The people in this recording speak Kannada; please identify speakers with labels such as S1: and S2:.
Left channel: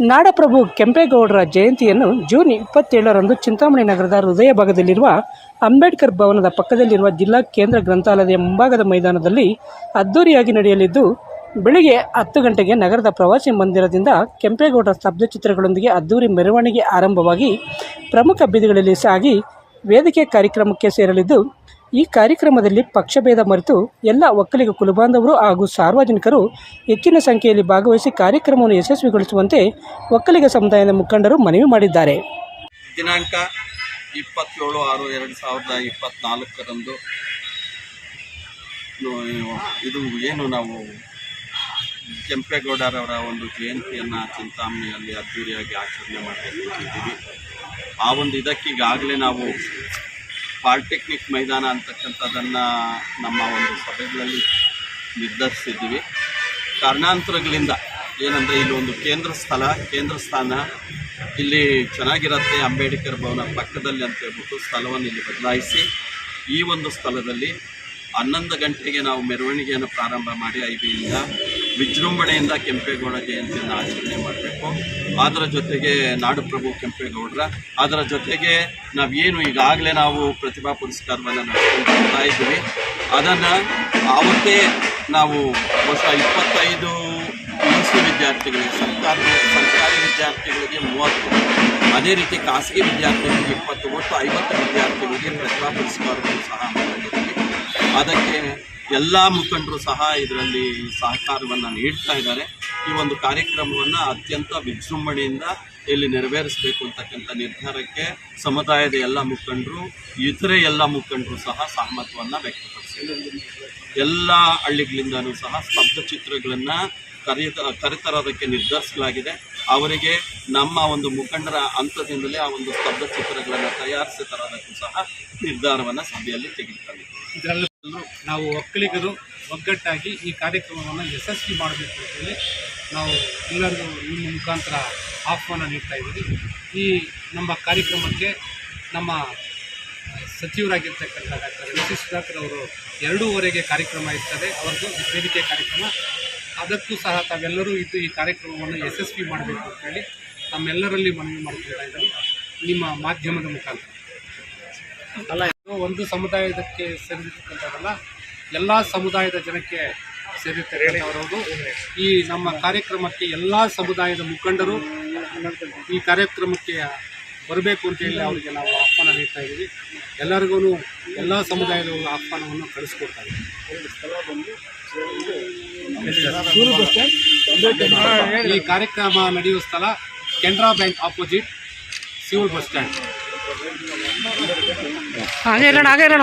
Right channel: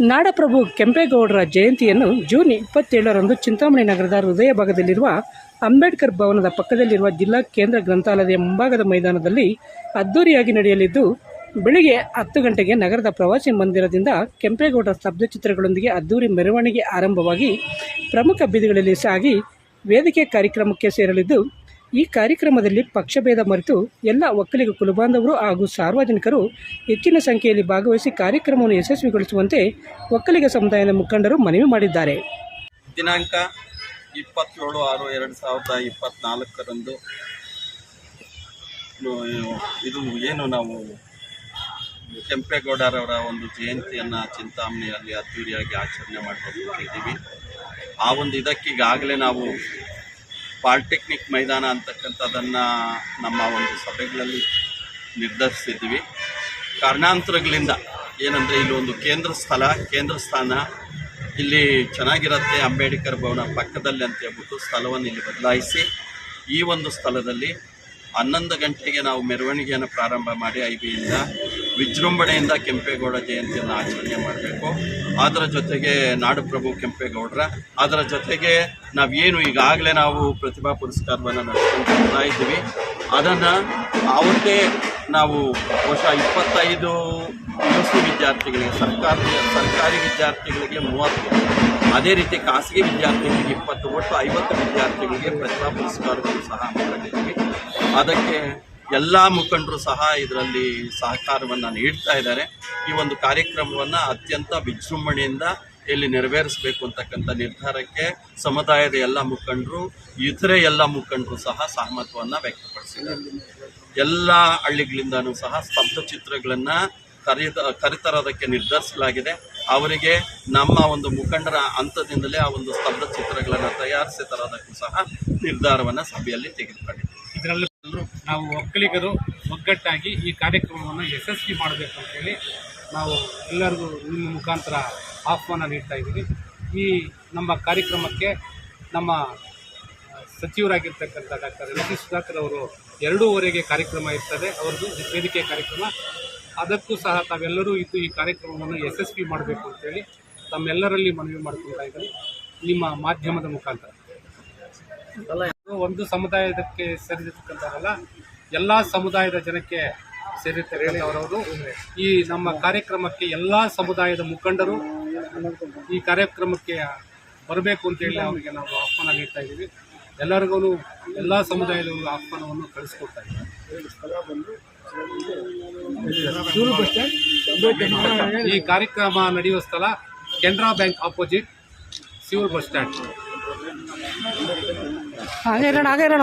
S1: ನಾಡಪ್ರಭು ಕೆಂಪೇಗೌಡರ ಜಯಂತಿಯನ್ನು ಜೂನ್ ಇಪ್ಪತ್ತೇಳರಂದು ಚಿಂತಾಮಣಿ ನಗರದ ಹೃದಯ ಭಾಗದಲ್ಲಿರುವ ಅಂಬೇಡ್ಕರ್ ಭವನದ ಪಕ್ಕದಲ್ಲಿರುವ ಜಿಲ್ಲಾ ಕೇಂದ್ರ ಗ್ರಂಥಾಲಯದ ಮುಂಭಾಗದ ಮೈದಾನದಲ್ಲಿ ಅದ್ದೂರಿಯಾಗಿ ನಡೆಯಲಿದ್ದು, ಬೆಳಿಗ್ಗೆ ಹತ್ತು ಗಂಟೆಗೆ ನಗರದ ಪ್ರವಾಸಿ ಮಂದಿರದಿಂದ ಕೆಂಪೇಗೌಡರ ಸ್ತಬ್ಧಚಿತ್ರಗಳೊಂದಿಗೆ ಅದ್ದೂರಿ ಮೆರವಣಿಗೆ ಆರಂಭವಾಗಿ ಪ್ರಮುಖ ಬೀದಿಗಳಲ್ಲಿ ಸಾಗಿ ವೇದಿಕೆ ಕಾರ್ಯಕ್ರಮಕ್ಕೆ ಸೇರಲಿದ್ದು ಈ ಕಾರ್ಯಕ್ರಮದಲ್ಲಿ ಪಕ್ಷಭೇದ ಮರೆತು ಎಲ್ಲ ಒಕ್ಕಲಿಗ ಕುಲಬಾಂಧವರು ಹಾಗೂ ಸಾರ್ವಜನಿಕರು ಹೆಚ್ಚಿನ ಸಂಖ್ಯೆಯಲ್ಲಿ ಭಾಗವಹಿಸಿ ಕಾರ್ಯಕ್ರಮವನ್ನು ಯಶಸ್ವಿಗೊಳಿಸುವಂತೆ ಒಕ್ಕಲಿಗ ಸಮುದಾಯದ ಮುಖಂಡರು ಮನವಿ ಮಾಡಿದ್ದಾರೆ.
S2: ದಿನಾಂಕ ಇಪ್ಪತ್ತೇಳು ಆರು ಎರಡು ಸಾವಿರದ ಇಪ್ಪತ್ತ್ನಾಲ್ಕರಂದು ಇದು ಏನು ನಾವು ಕೆಂಪೇಗೌಡರವರ ಒಂದು ಜಯಂತಿಯನ್ನು ಚಿಂತಾಮಣಿಯಲ್ಲಿ ಅದ್ದೂರಿಯಾಗಿ ಆಚರಣೆ ಮಾಡಿದ್ದೀವಿ ಆ ಒಂದು ಇದಕ್ಕೀಗಾಗಲೇ ನಾವು ಪಾಲಿಟೆಕ್ನಿಕ್ ಮೈದಾನ ಅಂತಕ್ಕಂಥದ್ದನ್ನು ನಮ್ಮ ಒಂದು ಸಭೆಗಳಲ್ಲಿ ನಿರ್ಧರಿಸಿದ್ವಿ. ಕಾರಣಾಂತರಗಳಿಂದ ಏನಂದರೆ ಇಲ್ಲಿ ಒಂದು ಕೇಂದ್ರ ಸ್ಥಳ, ಕೇಂದ್ರ ಸ್ಥಾನ ಇಲ್ಲಿ ಚೆನ್ನಾಗಿರುತ್ತೆ ಅಂಬೇಡ್ಕರ್ ಭವನ ಪಕ್ಕದಲ್ಲಿ ಅಂತ ಹೇಳ್ಬಿಟ್ಟು ಸ್ಥಳವನ್ನು ಇಲ್ಲಿ ಬದಲಾಯಿಸಿ ಈ ಒಂದು ಸ್ಥಳದಲ್ಲಿ ಹನ್ನೊಂದು ಗಂಟೆಗೆ ನಾವು ಮೆರವಣಿಗೆಯನ್ನು ಪ್ರಾರಂಭ ಮಾಡಿ ಐಬಿಯಿಂದ ವಿಜೃಂಭಣೆಯಿಂದ ಕೆಂಪೇಗೌಡ ಜಯಂತಿಯನ್ನು ಆಚರಣೆ ಮಾಡಬೇಕು. ಅದರ ಜೊತೆಗೆ ನಾಡುಪ್ರಭು ಕೆಂಪೇಗೌಡರ, ಅದರ ಜೊತೆಗೆ ನಾವೇನು ಈಗಾಗಲೇ ನಾವು ಪ್ರತಿಭಾ ಪುರಸ್ಕಾರವನ್ನು ನಡೆಸ್ಕೊಂಡು ಬರ್ತಾ ಇದ್ದೀವಿ. ಅದನ್ನು ಅವತ್ತೇ ನಾವು ಹೊಸ ಇಪ್ಪತ್ತೈದು ಯು ವಿದ್ಯಾರ್ಥಿಗಳಿಗೆ ಸರ್ಕಾರಿ ಸರ್ಕಾರಿ ವಿದ್ಯಾರ್ಥಿಗಳಿಗೆ ಮೂವತ್ತು, ಅದೇ ರೀತಿ ಖಾಸಗಿ ವಿದ್ಯಾರ್ಥಿಗಳಿಗೆ ಇಪ್ಪತ್ತು, ಒಟ್ಟು ಐವತ್ತು ವಿದ್ಯಾರ್ಥಿಗಳಿಗೆ ಪ್ರತಿಭಾ ಪುರಸ್ಕಾರವನ್ನು ಸಹ ಮಾಡಿದ್ದೀವಿ ಅದಕ್ಕೆ ಎಲ್ಲ ಮುಖಂಡರು ಸಹ ಇದರಲ್ಲಿ ಸಹಕಾರವನ್ನು ನೀಡ್ತಾ ಇದ್ದಾರೆ. ಈ ಒಂದು ಕಾರ್ಯಕ್ರಮವನ್ನು ಅತ್ಯಂತ ವಿಜೃಂಭಣೆಯಿಂದ ಇಲ್ಲಿ ನೆರವೇರಿಸಬೇಕು ಅಂತಕ್ಕಂಥ ನಿರ್ಧಾರಕ್ಕೆ ಸಮುದಾಯದ ಎಲ್ಲ ಮುಖಂಡರು, ಇತರೆ ಎಲ್ಲ ಮುಖಂಡರು ಸಹ ಸಹಮತವನ್ನು ವ್ಯಕ್ತಪಡಿಸಿದ್ದಾರೆ. ಎಲ್ಲ ಹಳ್ಳಿಗಳಿಂದನೂ ಸಹ ಸ್ತಬ್ಧ ಚಿತ್ರಗಳನ್ನು ಕರೆಯ ಕರೆತರೋದಕ್ಕೆ ನಿರ್ಧರಿಸಲಾಗಿದೆ. ಅವರಿಗೆ ನಮ್ಮ ಒಂದು ಮುಖಂಡರ ಹಂತದಿಂದಲೇ ಆ ಒಂದು ಸ್ತಬ್ಧ ಚಿತ್ರಗಳನ್ನು ತಯಾರಿಸಿ ತರೋದಕ್ಕೂ ಸಹ ನಿರ್ಧಾರವನ್ನು ಸಭೆಯಲ್ಲಿ
S3: ತೆಗೆದುಕೊಂಡಿದೆ ನಾವು ಒಕ್ಕಲಿಗರು ಒಗ್ಗಟ್ಟಾಗಿ ಈ ಕಾರ್ಯಕ್ರಮವನ್ನು ಯಶಸ್ವಿ ಮಾಡಬೇಕು ಅಂತೇಳಿ ನಾವು ಎಲ್ಲರಿಗೂ ನಿಮ್ಮ ಮುಖಾಂತರ ಆಹ್ವಾನ ನೀಡ್ತಾ ಇದ್ದೀವಿ. ಈ ನಮ್ಮ ಕಾರ್ಯಕ್ರಮಕ್ಕೆ ನಮ್ಮ ಸಚಿವರಾಗಿರ್ತಕ್ಕಂಥ ಡಾಕ್ಟರ್ ಎಂ ಸಿ ಸುಧಾಕರ್ ಅವರು ಎರಡೂವರೆಗೆ ಕಾರ್ಯಕ್ರಮ ಇರ್ತದೆ. ಅವರದ್ದು ವೇದಿಕೆ ಕಾರ್ಯಕ್ರಮ. ಅದಕ್ಕೂ ಸಹ ತಾವೆಲ್ಲರೂ ಇದ್ದು ಈ ಕಾರ್ಯಕ್ರಮವನ್ನು ಯಶಸ್ವಿ ಮಾಡಬೇಕು ಅಂತೇಳಿ ತಮ್ಮೆಲ್ಲರಲ್ಲಿ ಮನವಿ ಮಾಡ್ಕೊಳ್ತಾ ಇದ್ದೀನಿ. ನಿಮ್ಮ ಮಾಧ್ಯಮದ ಮುಖಾಂತರ. ಒಂದು ಸಮುದಾಯದಕ್ಕೆ ಸೇರಿರ್ತಕ್ಕಂಥವರಲ್ಲ ಎಲ್ಲ ಸಮುದಾಯದ ಜನಕ್ಕೆ ಸೇರಿರ್ತಕ್ಕಂಥವರವರು. ಈ ನಮ್ಮ ಕಾರ್ಯಕ್ರಮಕ್ಕೆ ಎಲ್ಲ ಸಮುದಾಯದ ಮುಖಂಡರು ಈ ಕಾರ್ಯಕ್ರಮಕ್ಕೆ ಬರಬೇಕು ಅಂತೇಳಿ ಅವರಿಗೆ ನಾವು ಆಹ್ವಾನ ನೀಡ್ತಾ ಇದ್ದೀವಿ. ಎಲ್ಲರಿಗೂ ಎಲ್ಲ ಸಮುದಾಯದವರು ಆಹ್ವಾನವನ್ನು ಕಳಿಸ್ಕೊಡ್ತಾ ಇದ್ದೀವಿ ಈ ಕಾರ್ಯಕ್ರಮ ನಡೆಯುವ ಸ್ಥಳ Canara bank opposite civil bus stand.
S1: ಹಾಗೆ ಇರೋಣ ಹಾಗೆ ಇರೋಣ